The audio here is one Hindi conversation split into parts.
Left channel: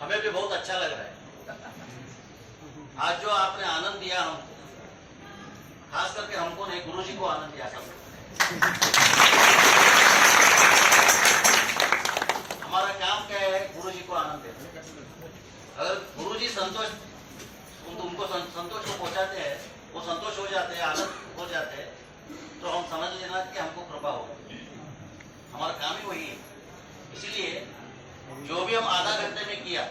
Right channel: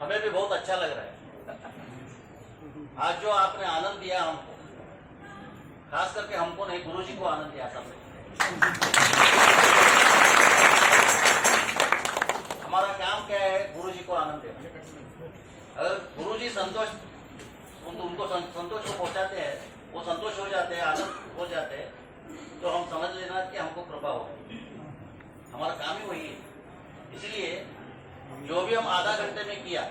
हमें भी बहुत अच्छा लग रहा है आज जो आपने आनंद दिया हमको, खास करके हमको नहीं, गुरुजी को आनंद दिया सब। हमारा काम क्या है? गुरुजी को आनंद देना। अगर गुरुजी संतोष उनको संतोष को पहुंचाते हैं, वो संतोष हो जाते हैं, आनंद हो जाते हैं, तो हम समझ लेना कि हमको कृपा हो गई। हमारा काम ही वही है। इसीलिए जो भी हम आधा घंटे में किया,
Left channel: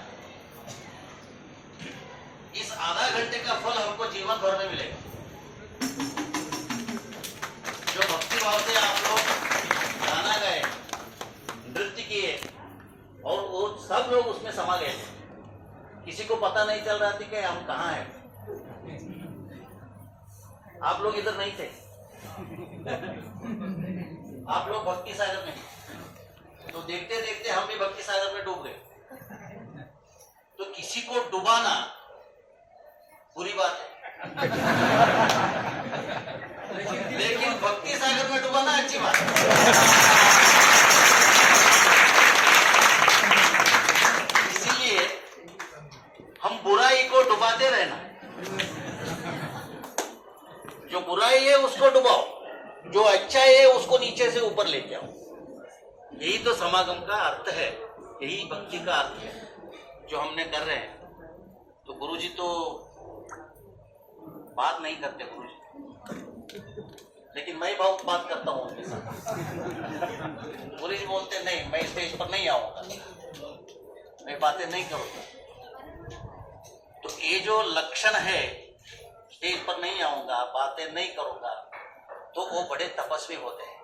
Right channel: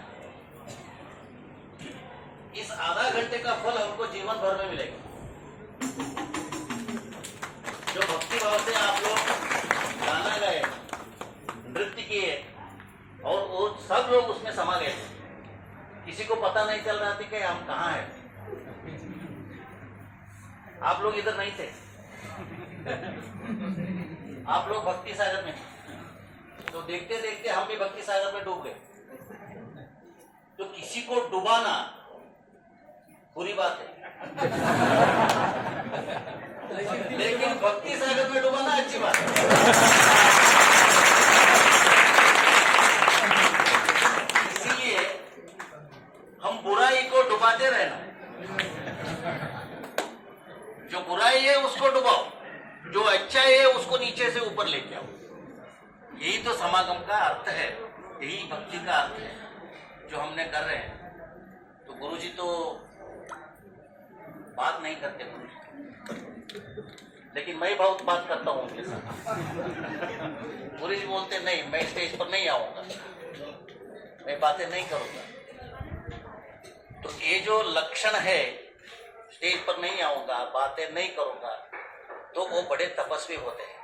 इस आधा घंटे का फल हमको जीवन भर में मिलेगा। जो भक्ति भाव से आप लोग गाना गाए, नृत्य किए, और वो सब लोग उसमें समा गए, किसी को पता नहीं चल रहा था कि हम कहाँ हैं। आप लोग इधर नहीं थे, आप लोग भक्ति सागर में, तो देखते देखते हम भी भक्ति सागर में डूब गए। तो किसी को डुबाना बुरी बात है, लेकिन भक्ति सागर में डुबाना अच्छी बात है। इसीलिए हम बुराई को डुबाते रहना। जो बुराई है उसको डुबाओ, जो अच्छा है उसको नीचे से ऊपर लेके आओ। यही तो समागम का अर्थ है, यही भक्ति का अर्थ है जो हमने कर रहे हैं। तो गुरुजी तो बात नहीं करते गुरुजी, लेकिन मैं बहुत बात करता हूँ उनके साथ। गुरुजी बोलते नहीं, मैं स्टेज पर नहीं आऊंगा, मैं बातें नहीं करूंगा। तो ये जो लक्षण है, स्टेज पर नहीं आऊंगा, बातें नहीं करूंगा, तो वो बड़े तपस्वी होते हैं।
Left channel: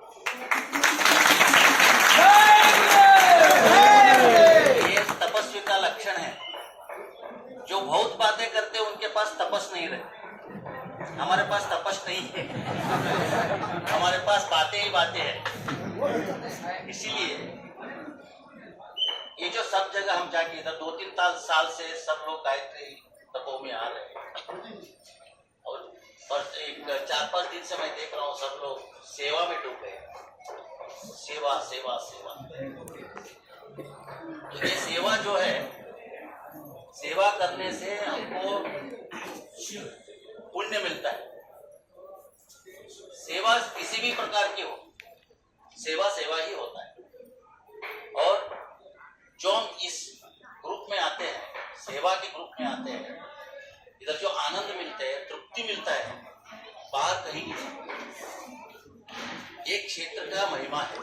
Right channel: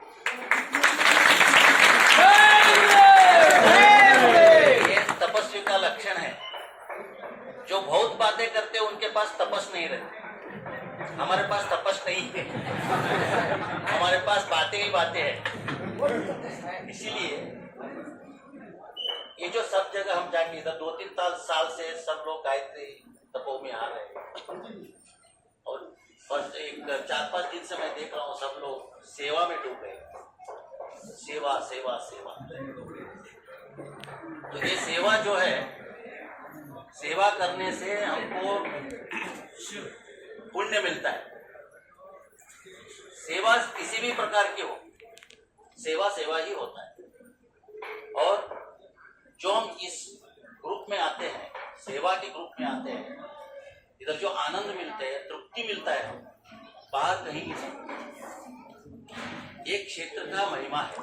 ये तपस्वी का लक्षण है। जो बहुत बातें करते हैं उनके पास तपस नहीं रहती। हमारे पास तपस नहीं है, हमारे पास बातें ही बातें हैं। इसीलिए ये जो सब जगह हम जाके, इधर 2-3 साल से सब लोग गायत्री तपो में आ रहे हैं, और एक 4-5 दिन से मैं देख रहा हूँ सब लोग सेवा में डूब गए। सेवा सेवा सेवा। तो ये सेवा जो है, सेवा करने से हमको पुण्य मिलता है। सेवा किसी भी प्रकार की हो, सेवा सेवा ही होता है। और जो हम इस ग्रुप में आते हैं, सेवा के ग्रुप में आते हैं, इधर जो आनंद मिलते हैं, तृप्ति मिलता है, बाहर कहीं नहीं। एक क्षेत्र का महिमा है।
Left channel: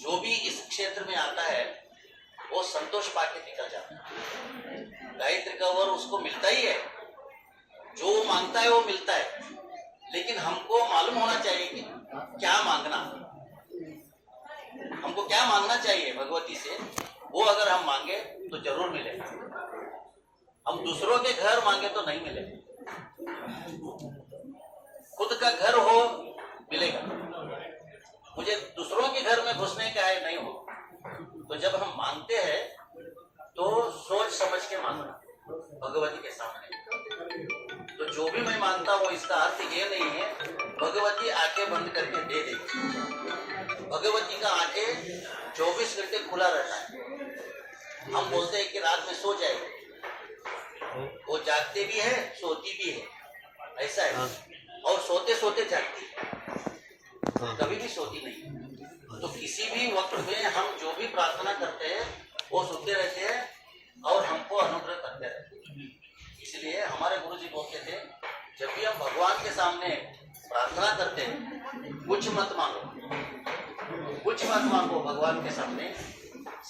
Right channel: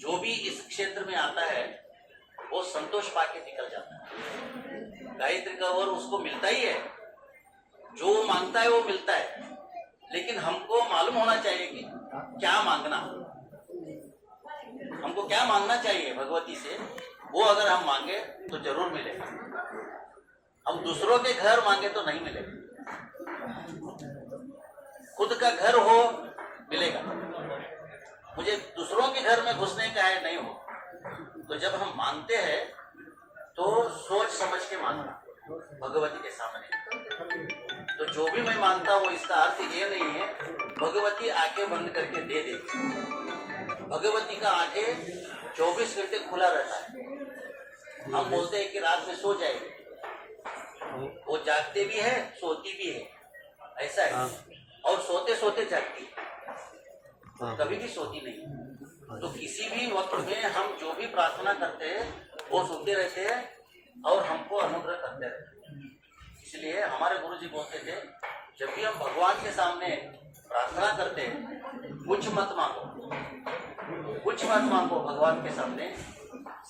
जो भी इस क्षेत्र में आता है वो संतोष पाके निकल जाता है। गायत्री का वर उसको मिलता ही है, जो वो मांगता है वो मिलता है। लेकिन हमको मालूम होना चाहिए कि क्या मांगना, हमको क्या मांगना चाहिए भगवती से। वो अगर हम मांगे तो जरूर मिलेगा। हम दूसरों के घर मांगे तो नहीं मिलेगा। खुद का घर हो मिलेगा। मुझे दूसरों के घर में घुसने का है, नहीं हो। तो जब हम मांगते हैं तो सोच समझ के मांगना भगवती के सामने। तो जो भी मैं मांगता हूँ, इसका अर्थ ये नहीं है भगवती आंखें बंद करके दे देगी। भगवती का आंखें 24 घंटे खुला रहता है। हम बोलते हैं कि रात में सो जाएगी, वो जागते भी है, सोती भी है, ऐसा है। और सोते सोते जागती, कभी भी सोती नहीं। तो किसी भी वक्त में हम जो भी प्रार्थना करते हैं वो सुनते रहते हैं और हमको अनुग्रह करते रहते हैं। इसलिए हमारे गुरुजी बोलते थे, जब भी हम भगवान के सामने प्रार्थना करते हैं, कुछ मत मांगो, कुछ मत मांगो भगवान के सामने,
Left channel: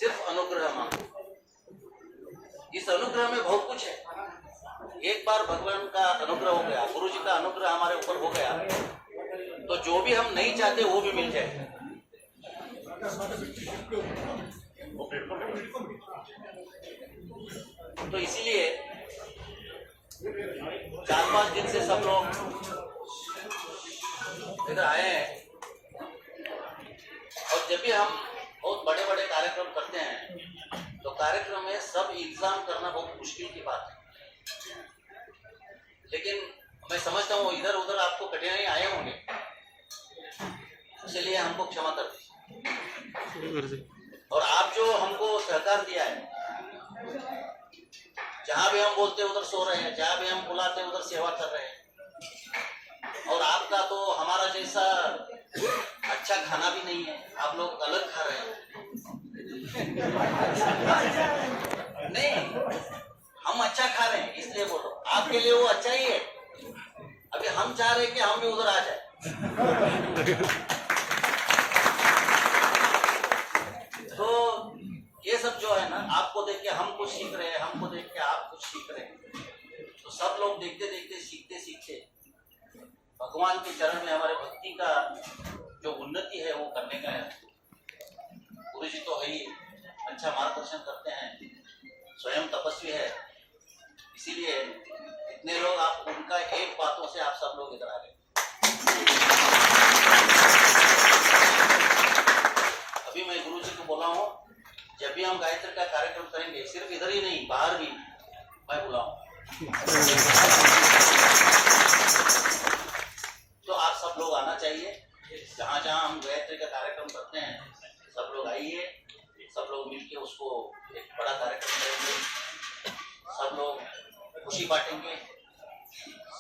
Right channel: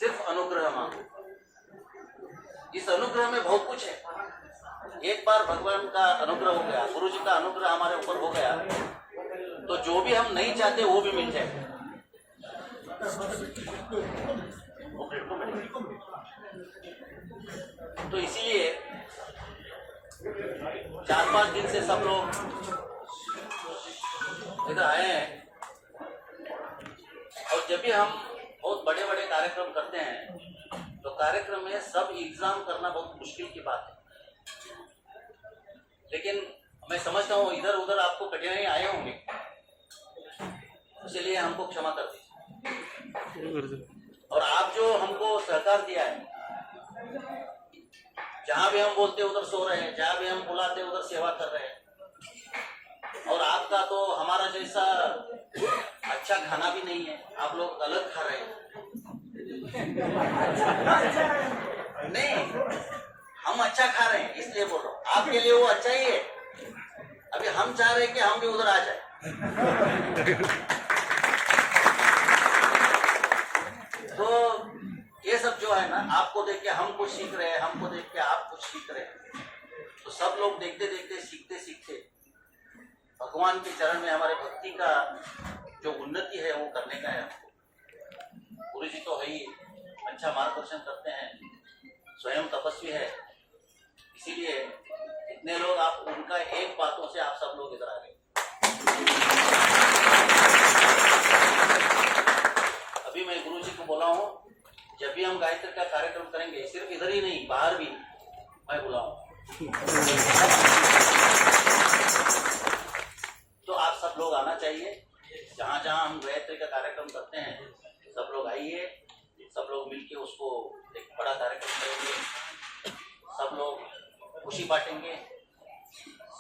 सिर्फ अनुग्रह मांगो। इस अनुग्रह में बहुत कुछ है। एक बार भगवान का अनुग्रह हो गया, गुरुजी का अनुग्रह हमारे ऊपर हो गया, तो जो भी हम नहीं चाहते वो भी मिल जाए। तो इसीलिए 4-5 दिन से सब लोग इधर आए हैं। और जब भी हम बहुत बड़े बड़े कार्यक्रम करते हैं तो कार्यक्रम में सब इंतजाम करना बहुत मुश्किल की बात है। लेकिन मैं समझता हूँ इधर उधर आपको कठिनाई आए होंगे, इसलिए हमको क्षमा कर दीजिए। और आप जो हमको सहकार दिया है, जहां भी हम बोलते उधर सो रहे हैं, जहां भी हम बुलाते उधर सेवा कर रहे हैं। और आपका तो हमारा जैसा अच्छा खाना भी नहीं है, आप लोग अलग खा रहे हैं। नहीं, हम अच्छा खा रहे हैं इसलिए बोल रहा हूँ, आपके लिए वो अच्छा ही है। अभी हम चाह रहे हैं कि हम भी उधर आ जाए। तो ये सब जो है ना, आपको देख के हम कुछ सीख रहे हैं, हमको देख के आप कुछ सीख रहे हैं। तो सब लोग देखते देखते सीखते सीखते भगवान के चरण में हमारे भक्ति का जो उन्नति है वो करने का है। गुरु जी तो है ही, अच्छा मार्गदर्शन करते हैं, स्वयं तपस्वी है, इसीलिए इतने लोग, आप उनका एक बातों से आप सब लोग इधर आ गए। अभी मैं गुरु जी को बोला हूँ, जब भी हम गायत्री का कार्यक्रम करेंगे, सिर्फ इधर ही नहीं बाहर भी मैं बुलाऊं, तो आप सब लोग आना चाहिए। जहाँ जहाँ हम गायत्री का कार्यक्रम करते हैं, सब लोग आइए, सब लोग मिलके उसको एक बड़ा कार्यक्रम करेंगे, सब लोग खुशी बांटेंगे,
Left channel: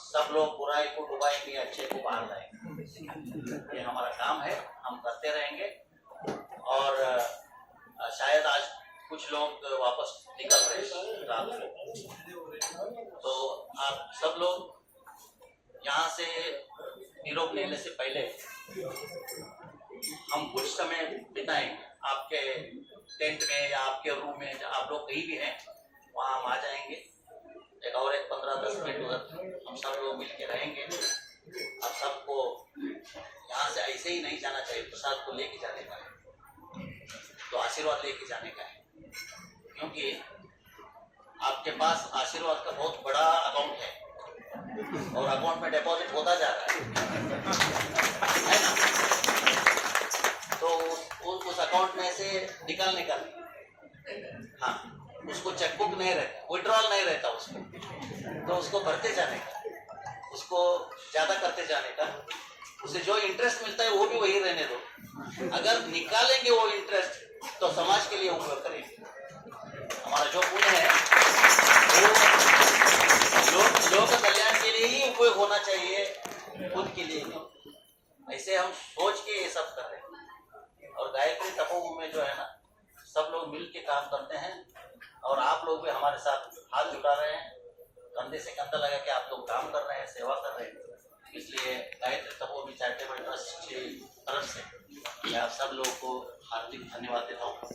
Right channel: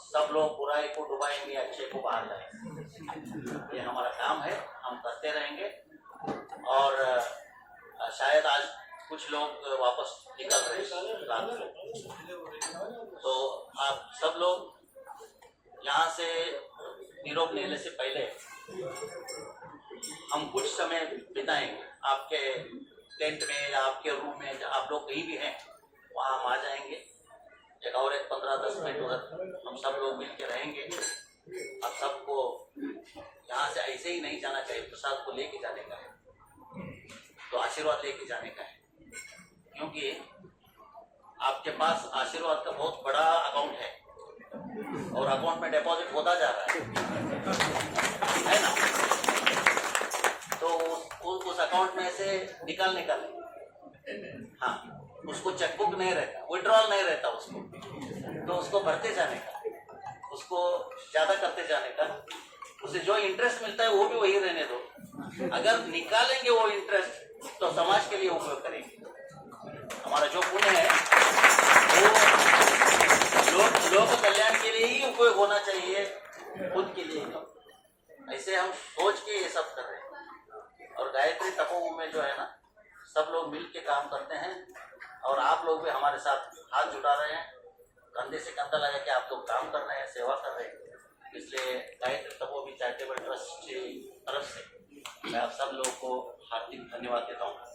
सब लोग बुराई को डुबाएंगे, अच्छे को बाहर लाएंगे। ये हमारा काम है, हम करते रहेंगे। और शायद आज कुछ लोग वापस निकल रहे हैं रात को, तो आप सब लोग यहाँ से यूरोप लेने से पहले हम कुछ समय बिताएंगे आपके टेंट में या आपके रूम में, जहाँ आप लोग कहीं भी हैं वहाँ हम आ जाएंगे। एक 15-10 मिनट उधर हम सब लोग मिल के रहेंगे। आप सबको यहाँ से ऐसे ही नहीं जाना चाहिए, प्रसाद को लेके जाने का है, तो आशीर्वाद लेके जाने का है, क्योंकि आपके पास आशीर्वाद का बहुत बड़ा अकाउंट है और अकाउंट में डिपॉजिट होता जा रहा है ना। तो उस अकाउंट में से निकालने का नहीं, हाँ, उसको चेकबुक नहीं रहता, विड्रॉल नहीं रहता उसको, तो उसको भरते जाने का, उसको ज्यादा करते जाने का, उसे जो इंटरेस्ट मिलता है वो भी वही रहने दो। अगर निकालेंगे वो इंटरेस्ट तो समाज के लिए उपयोग करेंगे। हमारा जो पुण्य है वो लोक कल्याण के लिए ही उपयोग होना चाहिए, खुद के लिए नहीं। ऐसे हम सोच के ये सब कर रहे हैं। और गायत्री तपोवन में जो है ना, सब लोग मिल के काम करते हैं, और आप लोग भी हमारे साथ हाथ जुटा रहे हैं, कंधे से कंधा लगा के आप लोग काम कर रहे हैं, सेवा कर रहे हैं। इसलिए गायत्री तपोवन चैरिटेबल ट्रस्ट की तरफ से मैं आप सब लोगों को हार्दिक धन्यवाद देता हूँ।